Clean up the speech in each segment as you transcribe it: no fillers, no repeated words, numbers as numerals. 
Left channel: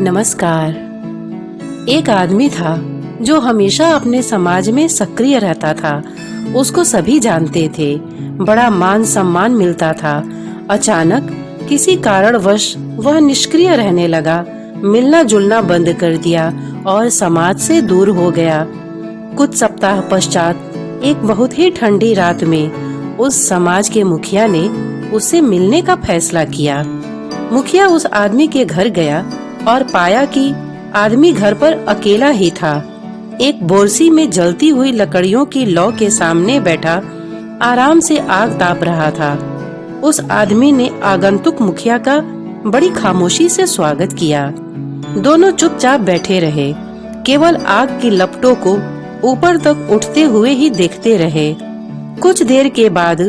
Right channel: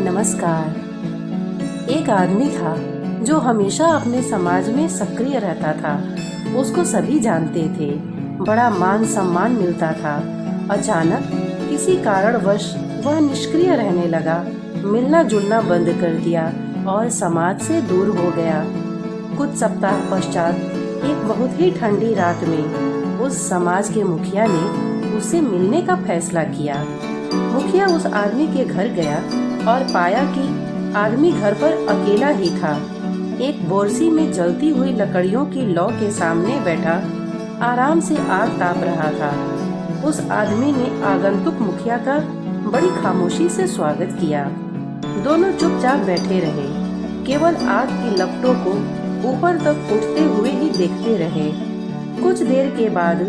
नमस्कार। एक आदमी था जो हमेशा अपने समाज में सक्रिय रहता था। उसको सभी जानते थे, बड़ा मान सम्मान मिलता था। अचानक किसी कारणवश वह निष्क्रिय रहने लगा, मिलना जुलना बंद कर दिया और समाज से दूर हो गया। कुछ सप्ताह पश्चात एक बहुत ही ठंडी रात में उस समाज के मुखिया ने उससे मिलने का फैसला किया। मुखिया उस आदमी के घर गया और पाया कि आदमी घर पर अकेला ही था। एक बोरसी में जलती हुई लकड़ियों की लौ के सामने बैठा आराम से आग ताप रहा था। उस आदमी ने आगंतुक मुखिया का बड़ी खामोशी से स्वागत किया। दोनों चुपचाप बैठे रहे, केवल आग की लपटों को ऊपर तक उठते हुए ही देखते रहे। कुछ देर के बाद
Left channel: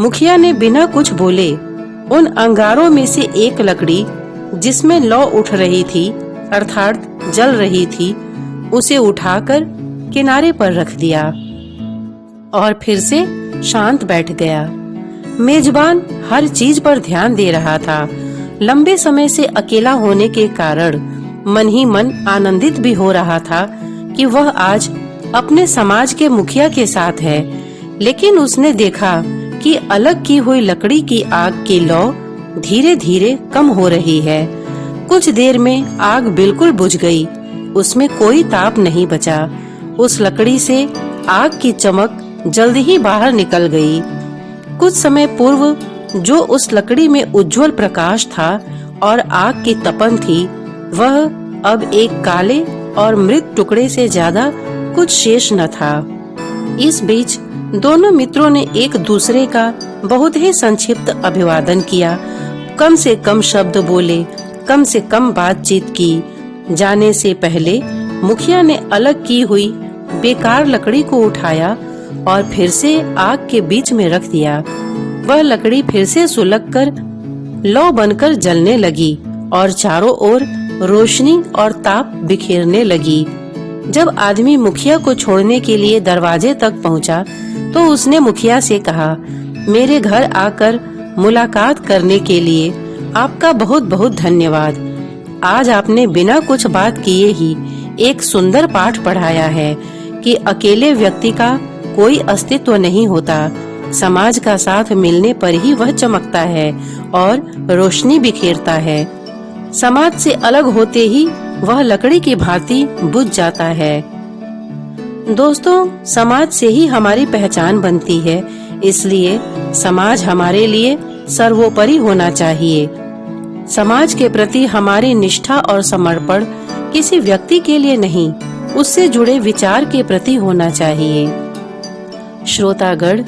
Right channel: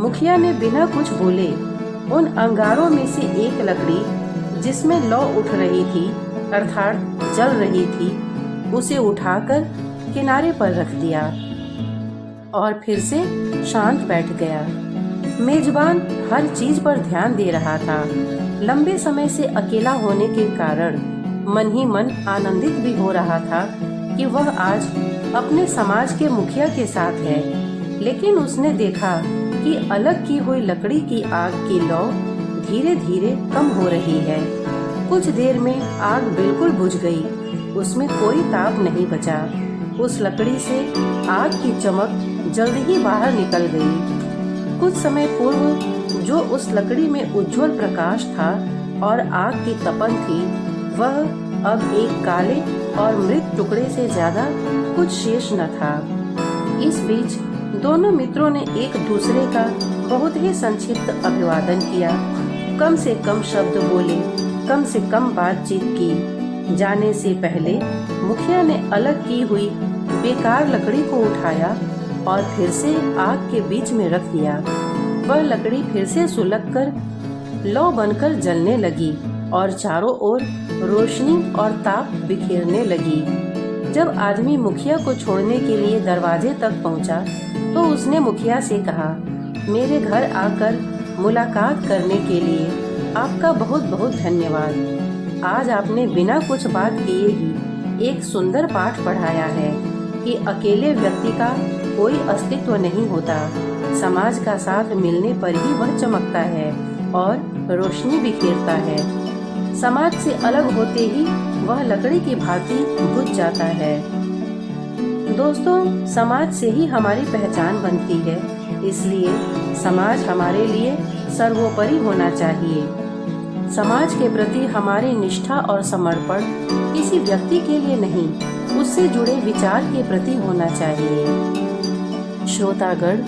मुखिया ने बिना कुछ बोले उन अंगारों में से एक लकड़ी जिसमें लौ उठ रही थी अर्थात जल रही थी, उसे उठाकर किनारे पर रख दिया और फिर से शांत बैठ गया। मेजबान हर चीज पर ध्यान दे रहा था। लंबे समय से अकेला होने के कारण मन ही मन आनंदित भी हो रहा था कि वह आज अपने समाज के मुखिया के साथ है। लेकिन उसने देखा कि अलग की हुई लकड़ी की आग की लौ धीरे धीरे कम हो रही है। कुछ देर में आग बिल्कुल बुझ गई, उसमें कोई ताप नहीं बचा। उस लकड़ी से आग की चमक जल्दी ही बाहर निकल गई। कुछ समय पूर्व जो उस लकड़ी में उज्जवल प्रकाश था और आग की तपन थी, वह अब एक काले और मृत टुकड़े से ज्यादा कुछ शेष न था। इस बीच दोनों मित्रों ने एक दूसरे का बहुत ही संक्षिप्त अभिवादन किया। कम से कम शब्द बोले, कम से कम बातचीत की। जाने से पहले मुखिया ने अलग की हुई बेकार लकड़ी को उठाया और फिर से आग के बीच में रख दिया। वह लकड़ी फिर से सुलगकर लौ बनकर जलने लगी और चारों ओर रोशनी और ताप बिखेरने लगी। जब आदमी मुखिया को छोड़ने के लिए दरवाजे तक पहुंचा, तो उसने मुखिया से कहा, मेरे घर आकर मुलाकात करने के लिए आपका बहुत बहुत धन्यवाद। आज आपने बिना कुछ बात किए ही एक सुंदर पाठ पढ़ाया है कि अकेले व्यक्ति का कोई अस्तित्व नहीं होता। समाज का साथ मिलने पर ही वह चमकता है और रोशनी बिखेरता है। समाज से अलग होते ही वह लकड़ी की भांति बुझ जाता है। दोस्तों, समाज से ही हमारी पहचान बनती है, इसलिए समाज हमारे लिए सर्वोपरि होना चाहिए। समाज के प्रति हमारी निष्ठा और समर्पण किसी व्यक्ति के लिए नहीं, उससे जुड़े विचार के प्रति होना चाहिए। श्रोतागण,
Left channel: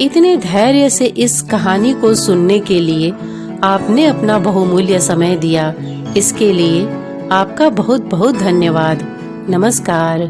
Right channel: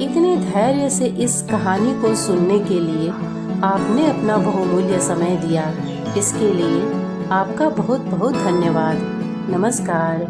इतने धैर्य से इस कहानी को सुनने के लिए आपने अपना बहुमूल्य समय दिया, इसके लिए आपका बहुत बहुत धन्यवाद। नमस्कार।